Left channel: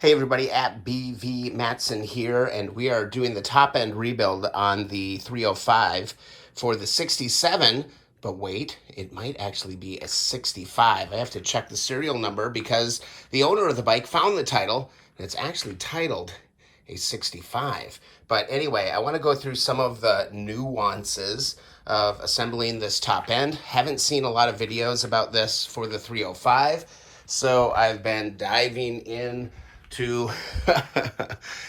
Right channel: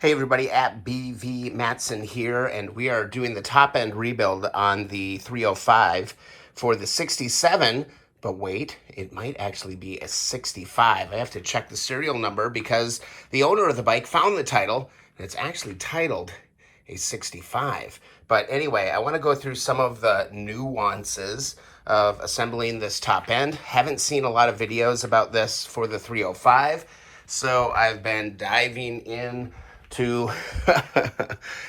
Hey everybody, at BV Matson here, and we are doing the top end rebuild on the 305 for the 67, but wait, it might actually be a 65. I have to check the serial number because the owner of the bike found the title, and it's actually titled a 65. But anyway, I want to go through some of the nuances of assembling this top end. Haven't seen a lot of videos about this for the 305, so I've been diving in to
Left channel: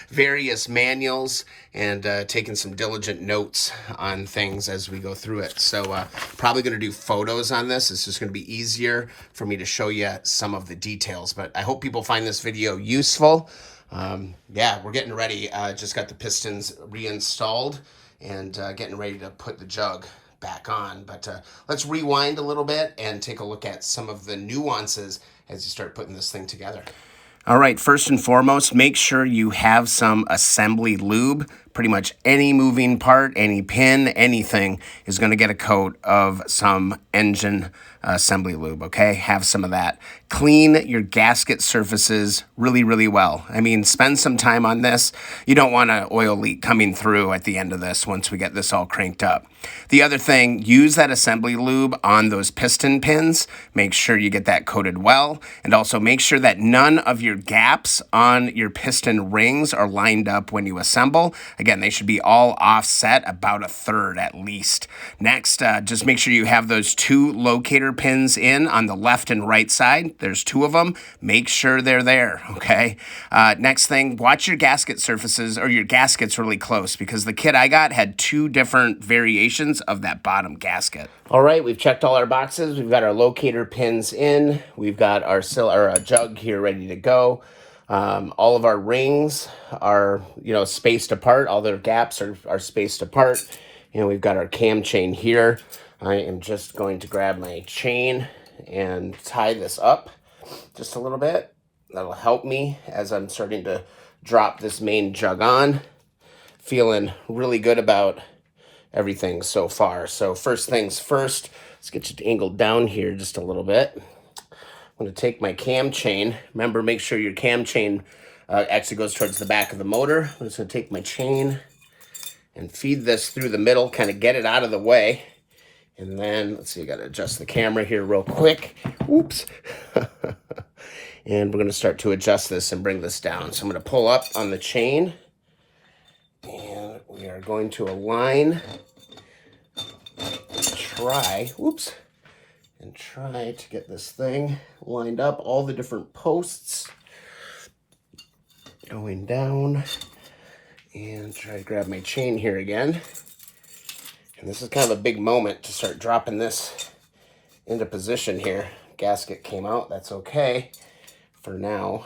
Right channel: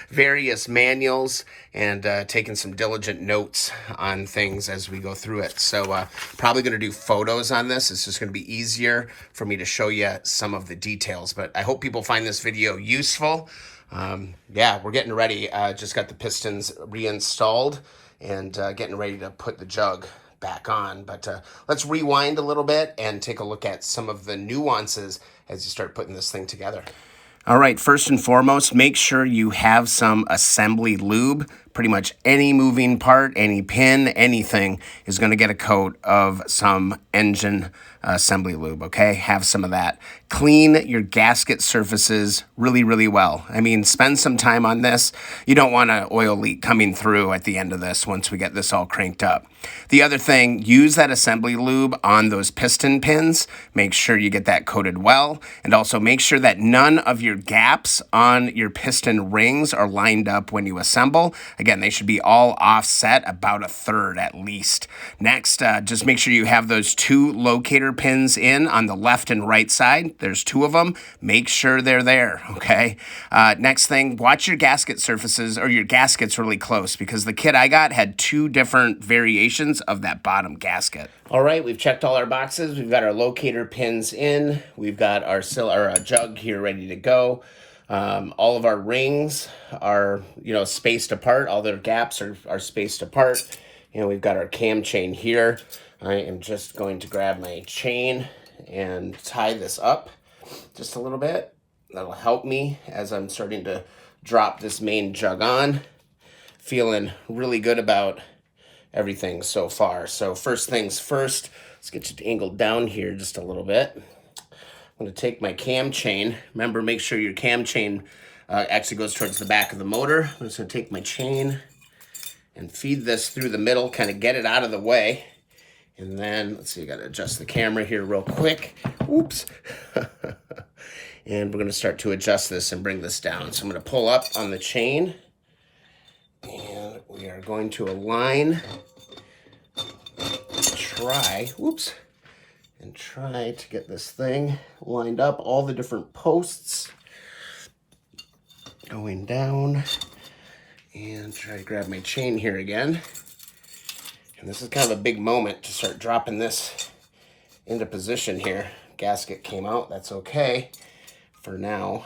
various manuals and taking some diligent notes on things as we go through it. So probably going to do photos on this. It's just going to be easier for me to show you some of the details. But I hope people find this video useful. Yeah, we're getting ready. Just got the pistons reinstalled and getting ready to put the jug back on. But let's rewind a little bit and take a look at some of the nuances as you start putting this thing together. All right, first and foremost, make sure you have some assembly lube. Pretty much any moving part, any pin, anything is going to get a coat of some engine assembly lube, okay? Have some of that. Clean your gasket surfaces really, really well. I mean, spend some time on this. You don't want an oil leak coming through at the end of this once we get this all cranked up. The other thing, use that assembly lube on those piston pins. Make sure you get that coated well, and also make sure that none of your gaps on your piston rings are lined up when you assemble. Again, they should be all offset about 1/3 at least. Next, just make sure you have those 2 locator pins in on the left and right side. There's 2 of them. Make sure they're there, okay? Next thing, watch your gasket surfaces or your gaskets really close, because the kit I got had 2 different variations of that bottom gasket. All right, we've checked all our boxes. We've got our locator pins in. We've got our jug here ready to go. All of our rings are, spaced apart. All their gaps are spaced apart. We've got our cam chain here. I am just going to grab my chain and tie this up just a little bit. That'll help me as I'm starting to drop this main jug on. Feeling really good about everything so far. So first things first, let's get you angled down here just a little bit. I'm going to take my cam chain. Remember, make sure your cam chain actually goes towards the back of the motor. I'm just going to take my chain and feed this through the middle, kind of get it out of the way. And then, let's see, I got to adjust the camera here real quick. Oops. And we're going to start to adjust this and bring this down. So I'm going to pull up on the chain. And we are going to align, try to get this thing lined up, all the different posts going down, and try to grab my chain here again. And this is kind of a big moment to start dropping this into position here. Gasket came out, that's okay for now.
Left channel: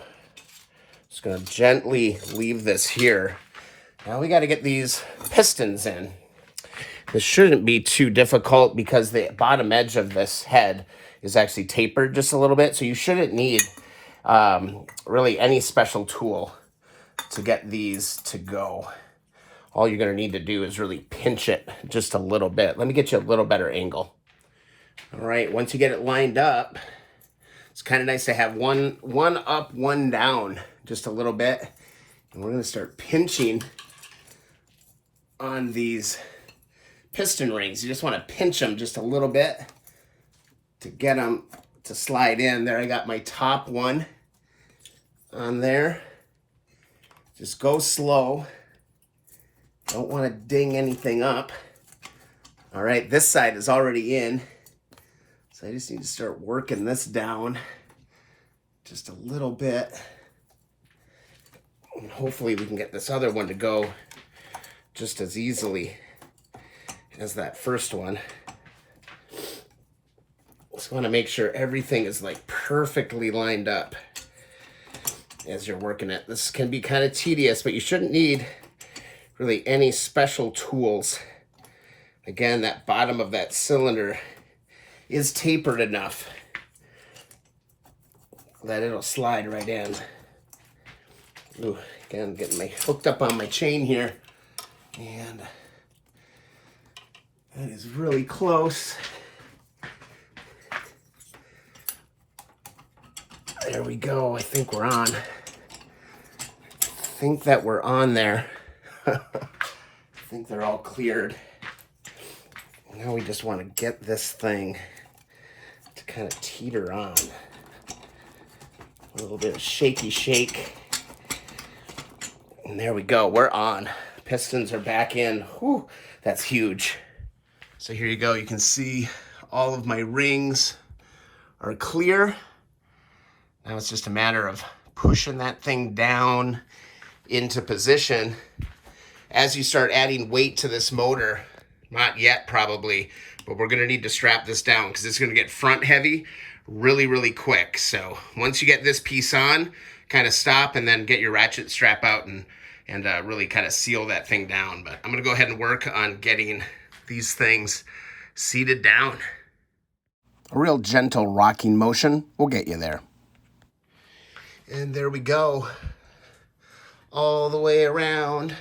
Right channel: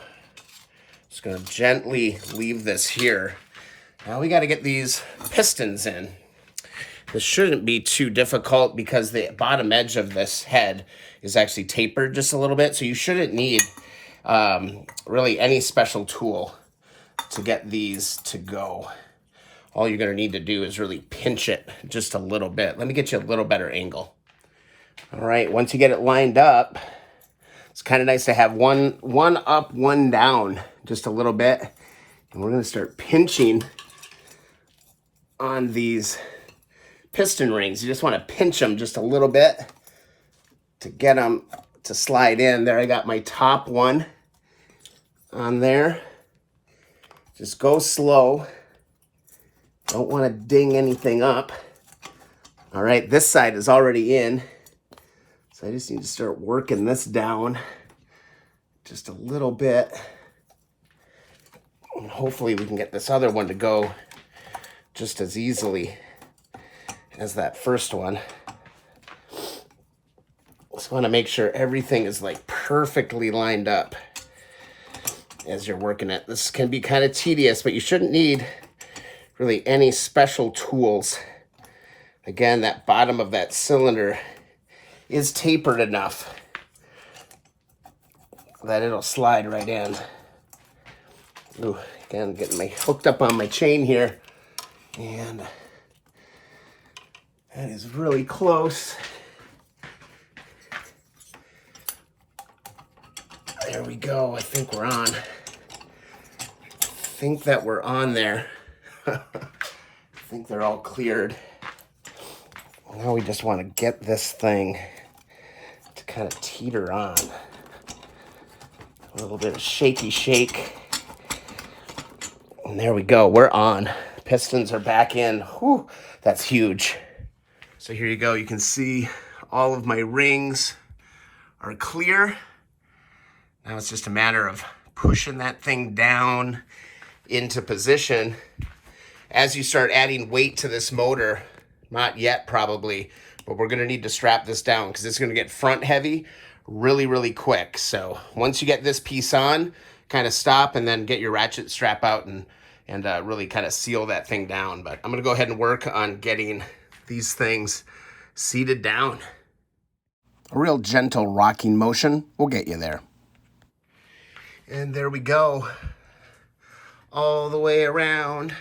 Just gonna gently leave this here. Now we got to get these pistons in. This shouldn't be too difficult because the bottom edge of this head is actually tapered just a little bit. So you shouldn't need really any special tool to get these to go. All you're going to need to do is really pinch it just a little bit. Let me get you a little better angle. All right, once you get it lined up, it's kind of nice to have one up, one down just a little bit. And we're going to start pinching on these piston rings. You just want to pinch them just a little bit to get them to slide in. There, I got my top one on there. Just go slow. Don't want to ding anything up. All right, this side is already in. So I just need to start working this down just a little bit. And hopefully we can get this other one to go just as easily as that first one. Just want to make sure everything is like perfectly lined up as you're working it. This can be kind of tedious, but you shouldn't need really any special tools. Again, that bottom of that cylinder is tapered enough that it'll slide right in. Ooh, again, getting my hooked up on my chain here. And that is really close. There we go. I think we're on. think that we're on there. I think they're all cleared. Now we just want to get this thing to kind of teeter on. A little bit of shaky shake. And there we go, we're on. Pistons are back in. Whew, that's huge. So here you go, you can see all of my rings are clear. Now it's just a matter of pushing that thing down into position. As you start adding weight to this motor, not yet probably, but we're gonna need to strap this down because it's gonna get front heavy really, really quick. So once you get this piece on, kind of stop and then get your ratchet strap out and really kind of seal that thing down. But I'm gonna go ahead and work on getting these things seated down. A real gentle rocking motion will get you there. And there we go. All the way around.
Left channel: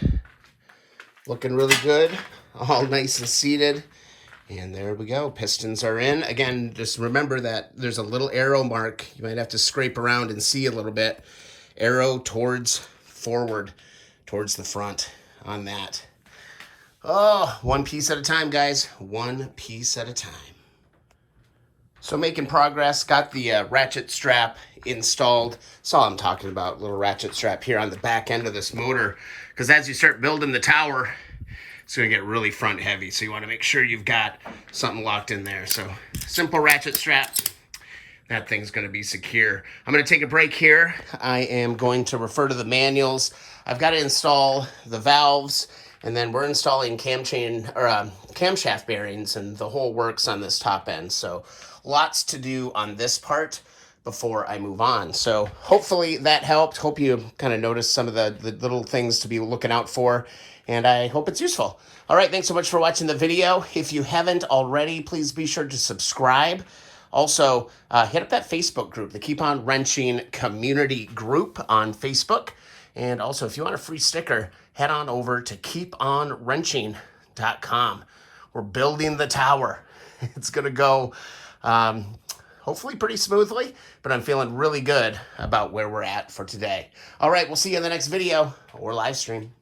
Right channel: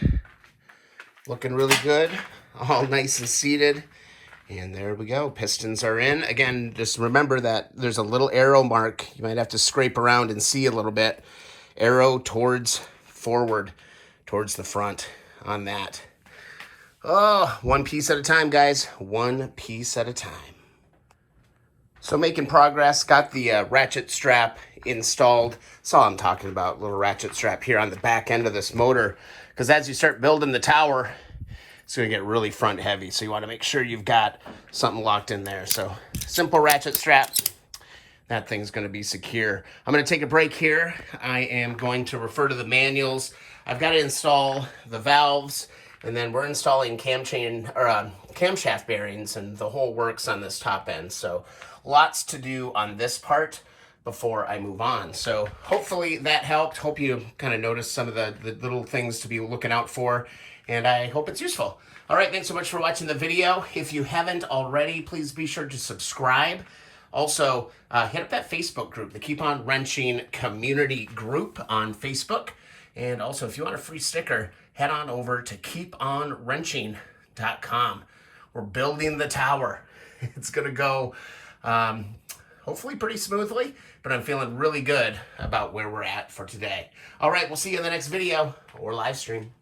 Looking really good. All nice and seated. And there we go. Pistons are in. Again, just remember that there's a little arrow mark. You might have to scrape around and see a little bit. Arrow towards forward, towards the front on that. Oh, one piece at a time, guys. One piece at a time. So making progress, got the ratchet strap installed. That's all I'm talking about, little ratchet strap here on the back end of this motor. Because as you start building the tower, it's gonna get really front heavy. So you wanna make sure you've got something locked in there. So simple ratchet strap, that thing's gonna be secure. I'm gonna take a break here. I am going to refer to the manuals. I've gotta install the valves, and then we're installing camshaft bearings and the whole works on this top end. So lots to do on this part before I move on. So hopefully that helped. Hope you kind of noticed some of the little things to be looking out for, and I hope it's useful. All right, thanks so much for watching the video. If you haven't already, please be sure to subscribe. Also, hit up that Facebook group, the Keep On Wrenching Community Group on Facebook. And also, if you want a free sticker, head on over to keeponwrenching.com. We're building the tower. It's going to go hopefully pretty smoothly, but I'm feeling really good about where we're at for today. All right, we'll see you in the next video or live stream.